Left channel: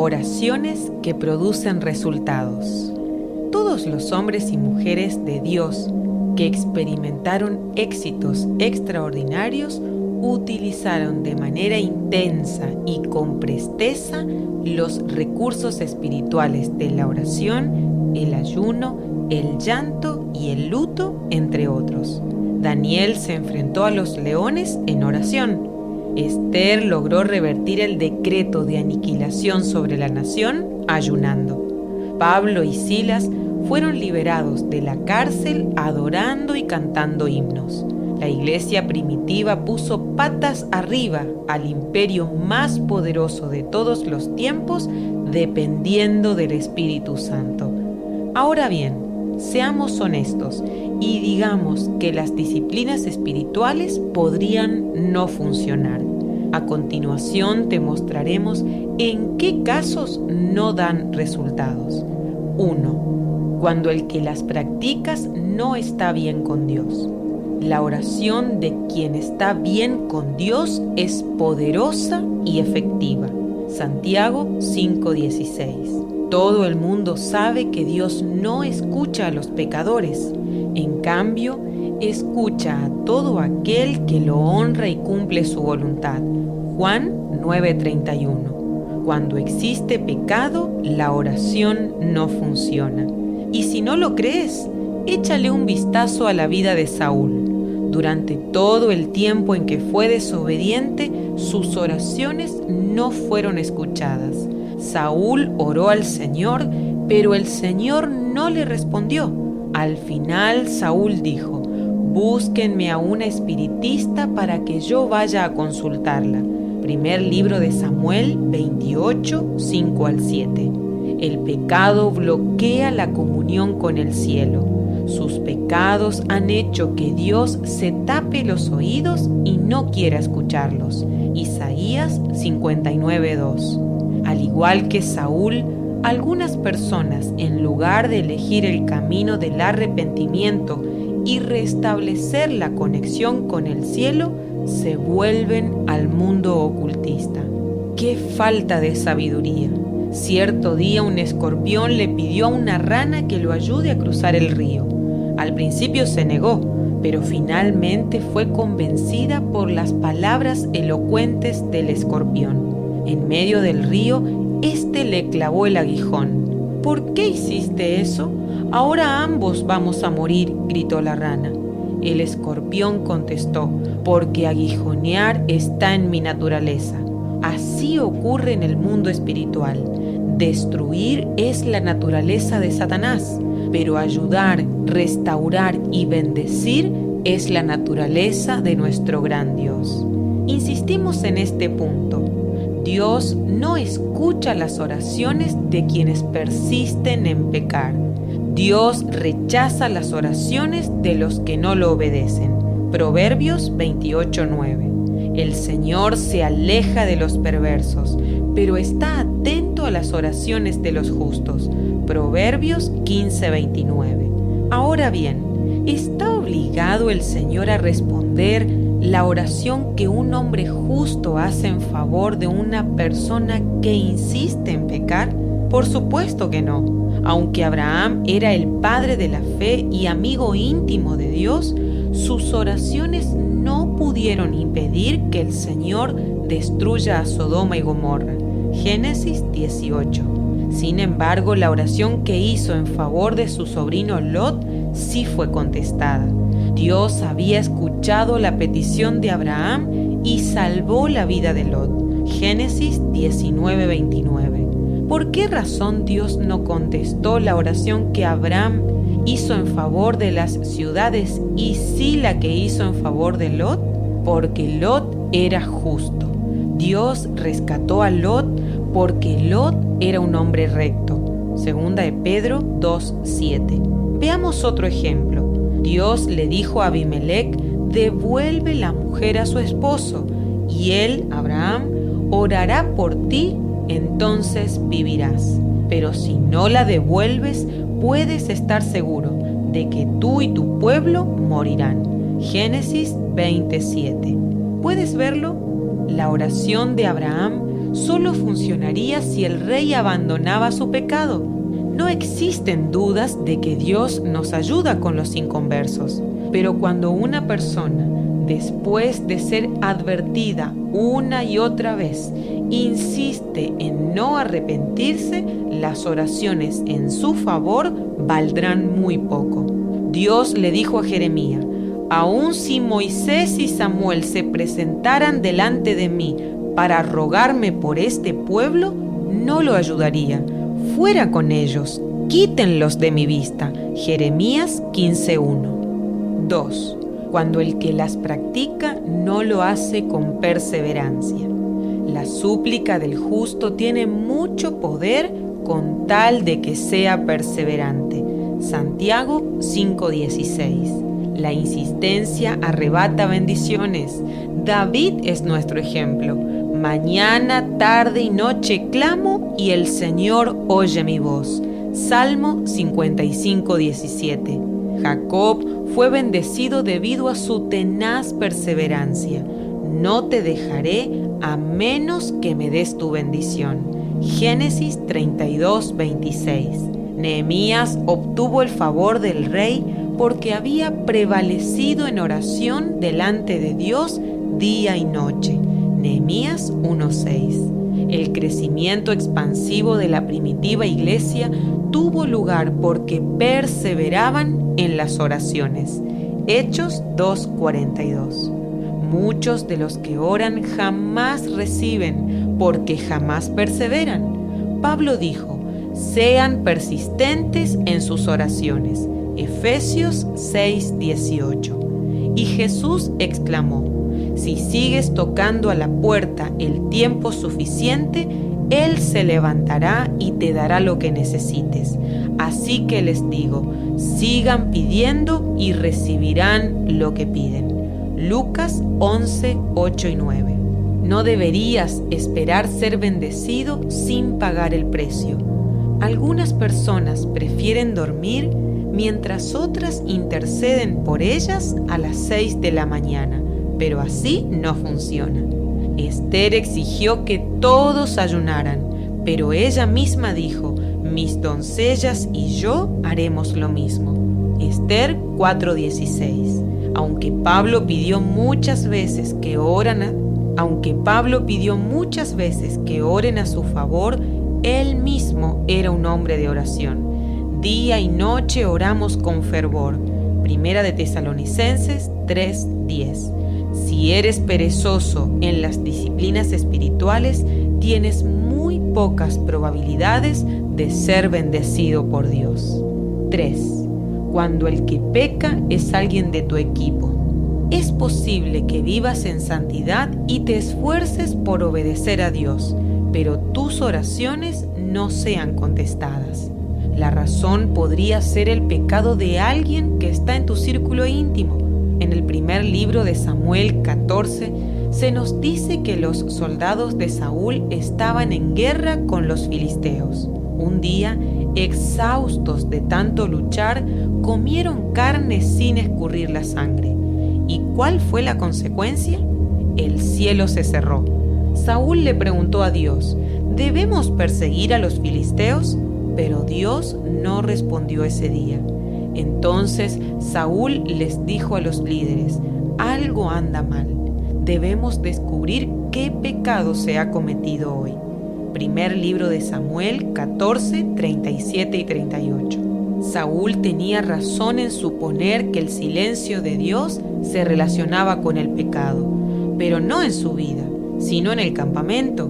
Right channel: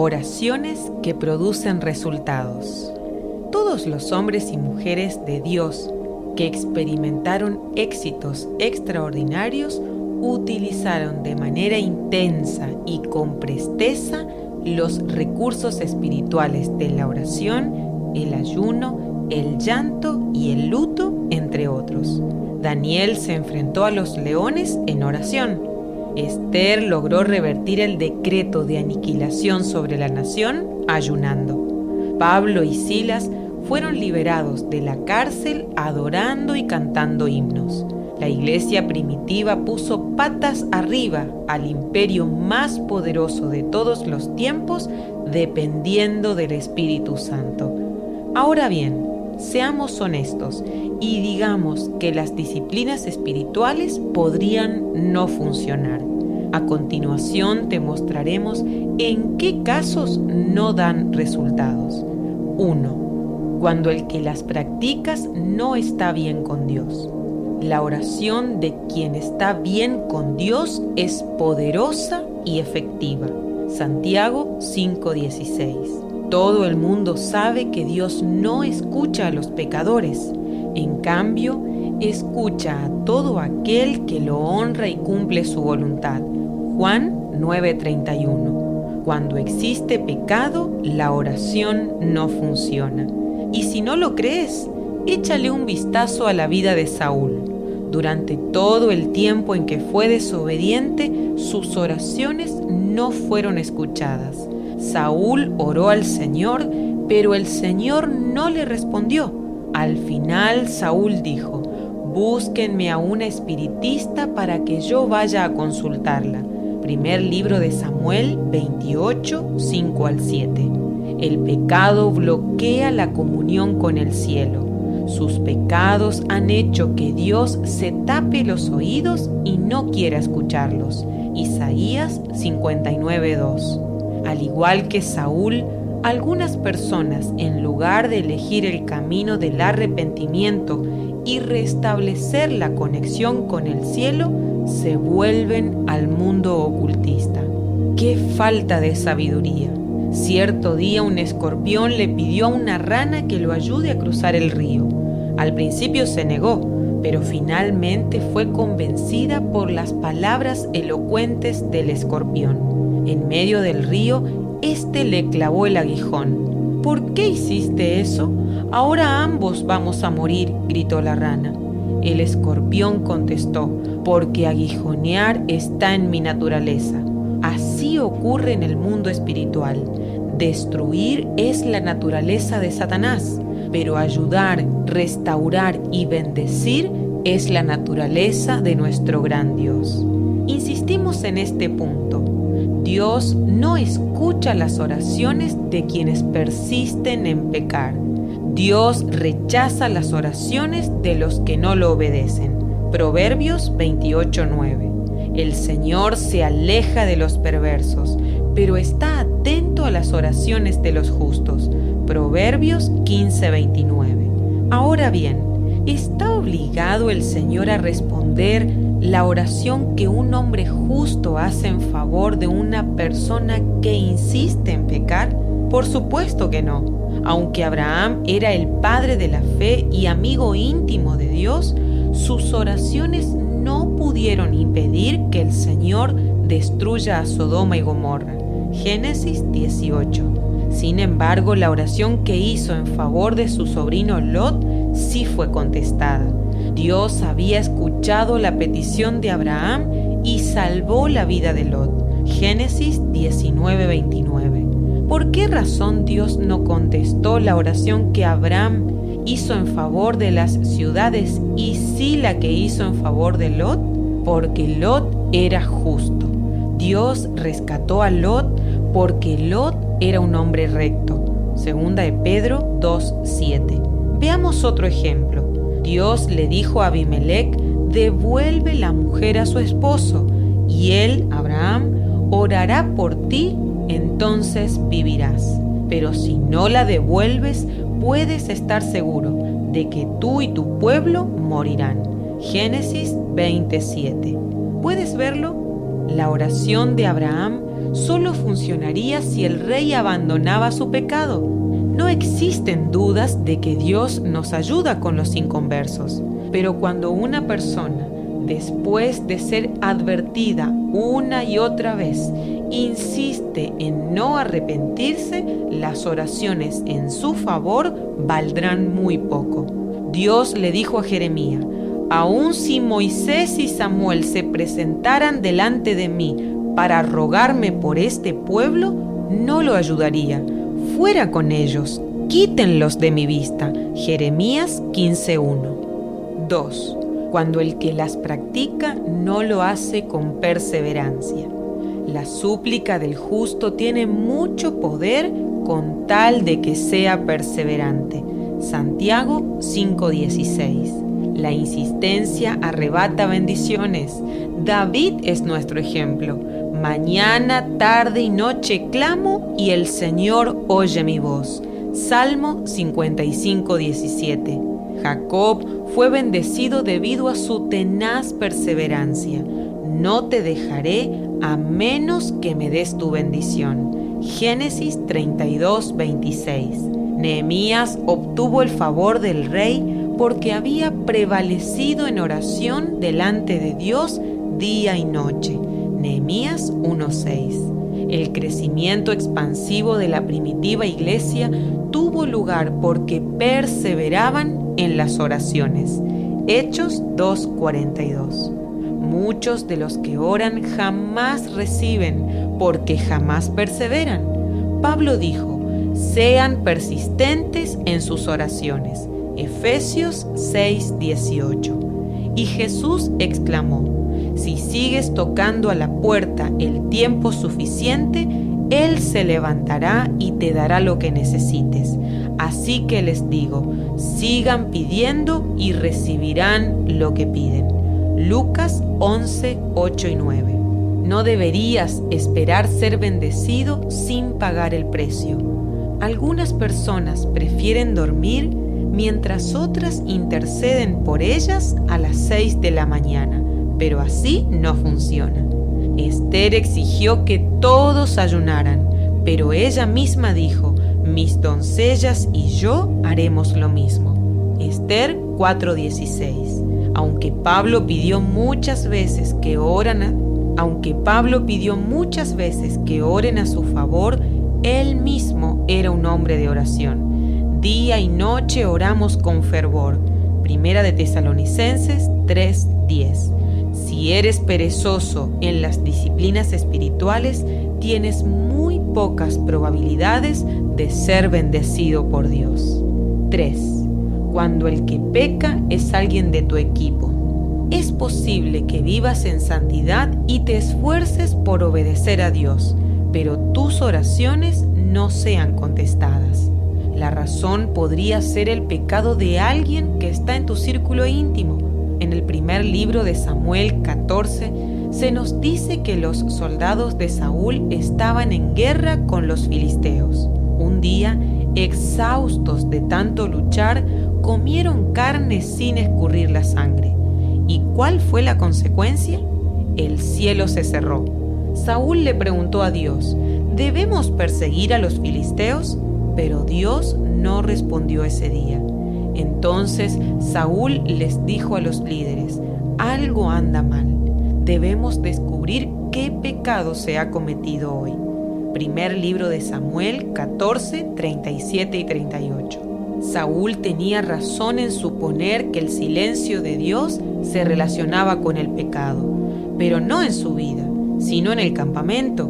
Oraciones que producen resultados. Todos los hombres y mujeres de Dios que experimentaron éxitos extraordinarios utilizaron de manera intensa y con presteza los recursos espirituales de la oración, el ayuno, el llanto y el luto, entre otros. Daniel se enfrentó a los leones en oración. Esther logró revertir el decreto de aniquilación sobre la nación ayunando. Pablo y Silas fueron liberados de la cárcel adorando y cantando himnos. La iglesia primitiva puso patas arriba al imperio más poderoso de todos los tiempos, dependiendo del Espíritu Santo. Ahora bien, seamos honestos y digamos que las disciplinas espirituales podrían no funcionar. A continuación te mostraremos en qué casos no dan resultados. 1. Cuando el que las practicas no está bien con Dios. La oración de quien está bien con Dios es poderosa y efectiva. Santiago 5:16. Todo el mundo sabe que Dios no escucha a los pecadores. En cambio, escucha a todo aquel que lo honra y cumple su voluntad. Juan 9:31. Cuando existe pecado, la oración no funciona. Y si no lo crees, échale un vistazo a la vida de Saúl. Durante todo el tiempo en que fue desobediente, sus oraciones no fueron escuchadas. Saúl oró al Señor, pero el Señor no le respondió. Al final, Saúl dijo: búsquenme a una espiritista para que yo vaya a consultarla. Primer libro de Samuel 28, 5 al 7. El pecado bloquea la comunión con el cielo. Sus pecados han hecho que Dios se tape los oídos y no quiera escucharlos. Isaías 59:2. Al igual que Saúl, algunas personas, en lugar de elegir el camino del arrepentimiento y restablecer la conexión con el cielo, se vuelven al mundo ocultista. ¡Qué falta de sabiduría! Cierto día un escorpión le pidió a una rana que lo ayude a cruzar el río. Al principio se negó, pero finalmente fue convencida por las palabras elocuentes del escorpión. En medio del río, éste le clavó el aguijón. ¿Por qué hiciste eso? Ahora ambos vamos a morir, gritó la rana. El escorpión contestó: porque aguijonear está en mi naturaleza. Así ocurre en el mundo espiritual. Destruir es la naturaleza de Satanás, pero ayudar, restaurar y bendecir es la naturaleza de nuestro gran Dios. Insistimos en este punto. Dios no escucha las oraciones de quienes persisten en pecar. Dios rechaza las oraciones de los que no lo obedecen. Proverbios 28:9. El Señor se aleja de los perversos, pero está atento a las oraciones de los justos. Proverbios 15:29. Ahora bien, ¿está obligado el Señor a responder la oración que un hombre justo hace en favor de una persona que insiste en pecar? Por supuesto que no. Aunque Abraham era el padre de la fe y amigo íntimo de Dios, sus oraciones no pudieron impedir que el Señor destruya a Sodoma y Gomorra. Génesis 18. Sin embargo, la oración que hizo en favor de su sobrino Lot sí fue contestada. Dios había escuchado la petición de Abraham y salvó la vida de Lot. Génesis 19:29. ¿Por qué razón Dios no contestó la oración que Abraham hizo en favor de las ciudades y sí la que hizo en favor de Lot? Porque Lot era justo. Dios rescató a Lot porque Lot era un hombre recto. Segunda de Pedro 2:7. Veamos otro ejemplo. Dios le dijo a Abimelec: devuelve la mujer a su esposo, y él, Abraham, orará por ti, entonces vivirás. Pero si no la devuelves, puedes estar seguro de que tú y tu pueblo morirán. Génesis 27. ¿Puedes verlo? La oración de Abraham solo funcionaría si el rey abandonaba su pecado. No existen dudas de que Dios nos ayuda con los inconversos, pero cuando una persona, después de ser advertida una y otra vez, insiste en no arrepentirse, las oraciones en su favor valdrán muy poco. Dios le dijo a Jeremías: aun si Moisés y Samuel se presentaran delante de mí para rogarme por este pueblo, no lo ayudaría. Fuera con ellos, quítenlos de mi vista. Jeremías 15:1. 2. Cuando el que las practica no lo hace con perseverancia. La súplica del justo tiene mucho poder con tal de que sea perseverante. Santiago 5:16. La insistencia arrebata bendiciones. David es nuestro ejemplo. Mañana, tarde y noche clamo y el Señor oye mi voz. Salmo 55:17. Jacob fue bendecido debido a su tenaz perseverancia. No te dejaré a menos que me des tu bendición. Génesis 32:26. Nehemías obtuvo el favor del rey porque había prevalecido en oración delante de Dios día y noche. Nehemías 1:6. El crecimiento expansivo de la primitiva iglesia tuvo lugar porque perseveraban en las oraciones. Hechos 2:42. Muchos de los que oran jamás reciben porque jamás perseveran. Pablo dijo: sean persistentes en sus oraciones. Efesios 6:18. Y Jesús exclamó: si sigues tocando a la puerta el tiempo suficiente, Él se levantará y te dará lo que necesites. Así que les digo, sigan pidiendo y recibirán lo que piden. Lucas 11:8 y 9. No deberías esperar ser bendecido sin pagar el precio. Algunas personas prefieren dormir mientras otras interceden por ellas a las 6 de la mañana, pero así no funciona. Esther exigió que todos ayunaran, pero ella misma dijo: mis doncellas y yo haremos lo mismo. Esther 4:16. Aunque Pablo pidió muchas veces que oren a su favor, él mismo era un hombre de oración. Día y noche oramos con fervor. Primera de Tesalonicenses 3:10. Si eres perezoso en las disciplinas espirituales, tienes muy pocas probabilidades de ser bendecido por Dios. 3. Cuando el que peca es alguien de tu equipo. Es posible que vivas en santidad y te esfuerces por obedecer a Dios, pero tus oraciones no sean contestadas. La razón podría ser el pecado de alguien que está en tu círculo íntimo. En el primer libro de Samuel 14 se nos dice que los soldados de Saúl estaban en guerra con los filisteos. Un día, exhaustos de tanto luchar, comieron carne sin escurrir la sangre. ¿Y cuál fue la consecuencia? El cielo se cerró. Saúl le preguntó a Dios: ¿debemos perseguir a los filisteos? Pero Dios no respondió ese día. Entonces Saúl les dijo a los líderes: algo anda mal. Debemos descubrir qué pecado se ha cometido hoy. Primer libro de Samuel 14, 37 y 38. Saúl tenía razón en suponer que el silencio de Dios se relacionaba con el pecado, pero no en su vida, sino en el campamento.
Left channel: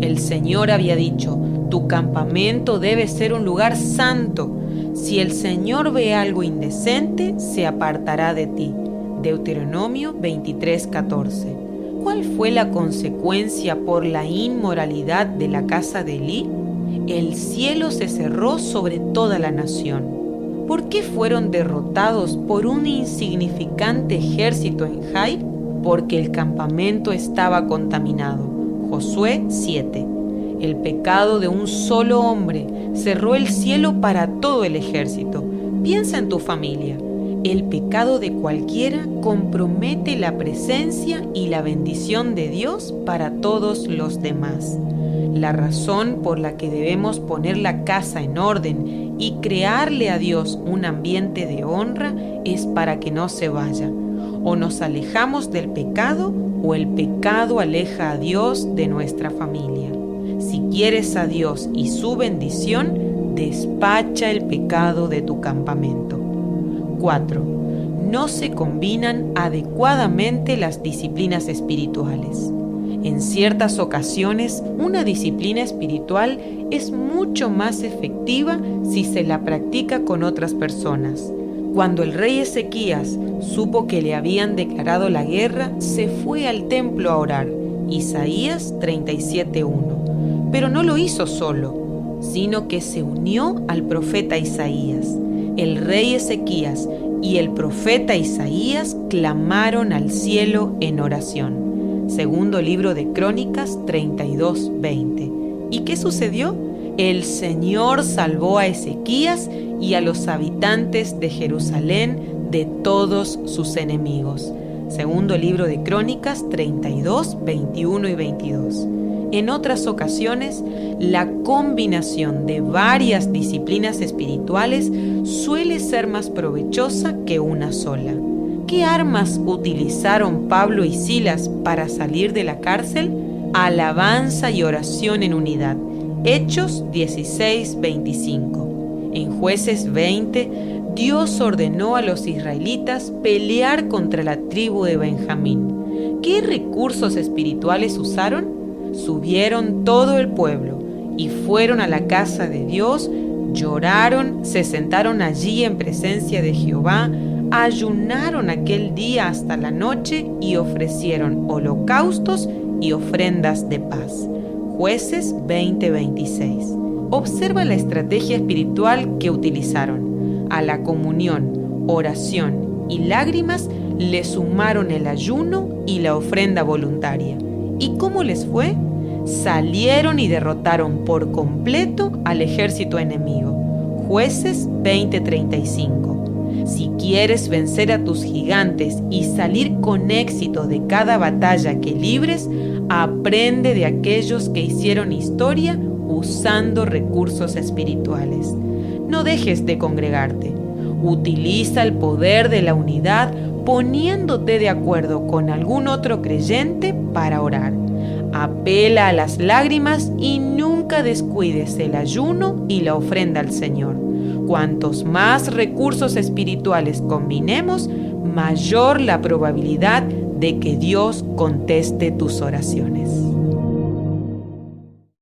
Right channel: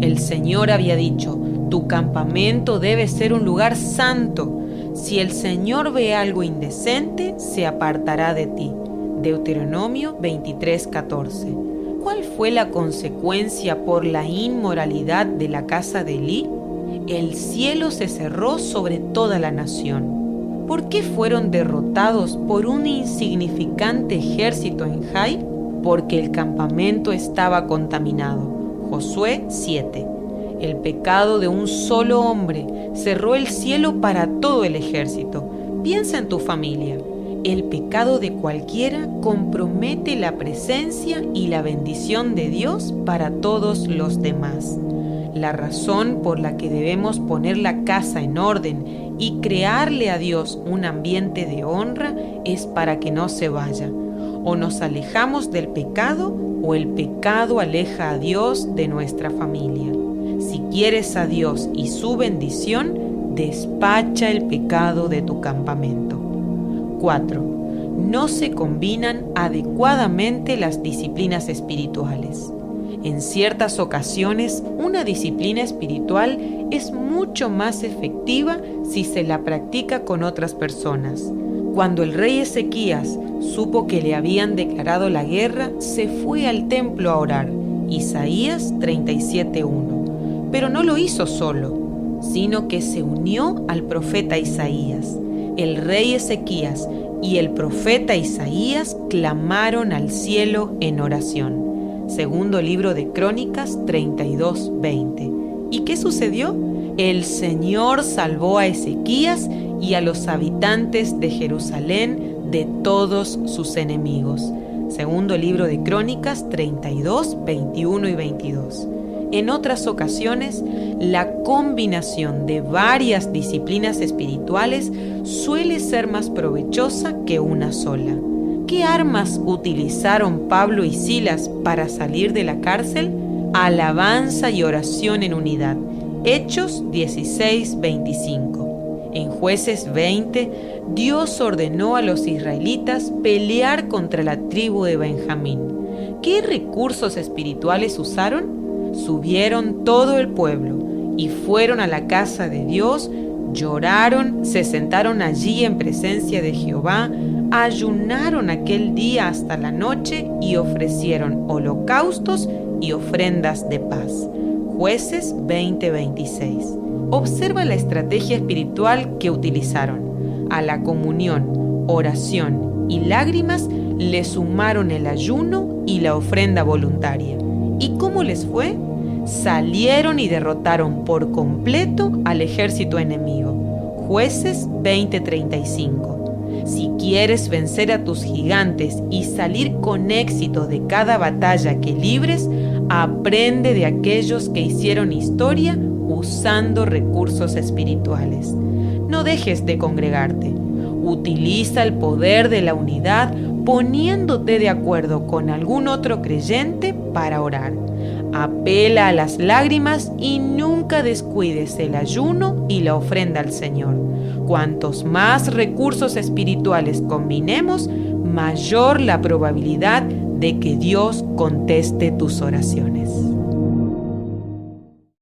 El Señor había dicho: tu campamento debe ser un lugar santo. Si el Señor ve algo indecente, se apartará de ti. Deuteronomio 23:14. ¿Cuál fue la consecuencia por la inmoralidad de la casa de Elí? El cielo se cerró sobre toda la nación. ¿Por qué fueron derrotados por un insignificante ejército en Jai? Porque el campamento estaba contaminado. Josué 7. El pecado de un solo hombre cerró el cielo para todo el ejército. Piensa en tu familia. El pecado de cualquiera compromete la presencia y la bendición de Dios para todos los demás. La razón por la que debemos poner la casa en orden y crearle a Dios un ambiente de honra es para que no se vaya. O nos alejamos del pecado o el pecado aleja a Dios de nuestra familia. Si quieres a Dios y su bendición, despacha el pecado de tu campamento. 4. No se combinan adecuadamente las disciplinas espirituales. En ciertas ocasiones, una disciplina espiritual es mucho más efectiva si se la practica con otras personas. Cuando el rey Ezequías supo que le habían declarado la guerra, se fue al templo a orar. Isaías 37:1. Pero no lo hizo solo, sino que se unió al profeta Isaías. El rey Ezequías y el profeta Isaías clamaron al cielo en oración. Segundo libro de Crónicas 32:20. ¿Y qué sucedió? El Señor salvó a Ezequías y a los habitantes de Jerusalén de todos sus enemigos. Segundo libro de Crónicas 32, 21 y 22. En otras ocasiones, la combinación de varias disciplinas espirituales suele ser más provechosa que una sola. ¿Qué armas utilizaron Pablo y Silas para salir de la cárcel? Alabanza y oración en unidad. Hechos 16:25. En Jueces 20, Dios ordenó a los israelitas pelear contra la tribu de Benjamín. ¿Qué recursos espirituales usaron? Subieron todo el pueblo y fueron a la casa de Dios, lloraron, se sentaron allí en presencia de Jehová, ayunaron aquel día hasta la noche y ofrecieron holocaustos y ofrendas de paz. Jueces 20:26. Observa la estrategia espiritual que utilizaron. A la comunión, oración y lágrimas le sumaron el ayuno y la ofrenda voluntaria. ¿Y cómo les fue? Salieron y derrotaron por completo al ejército enemigo. Jueces 20:35. Si quieres vencer a tus gigantes y salir con éxito de cada batalla que libres, aprende de aquellos que hicieron historia usando recursos espirituales. No dejes de congregarte. Utiliza el poder de la unidad poniéndote de acuerdo con algún otro creyente para orar. Apela a las lágrimas y nunca descuides el ayuno y la ofrenda al Señor. Cuantos más recursos espirituales combinemos, mayor la probabilidad de que Dios conteste tus oraciones.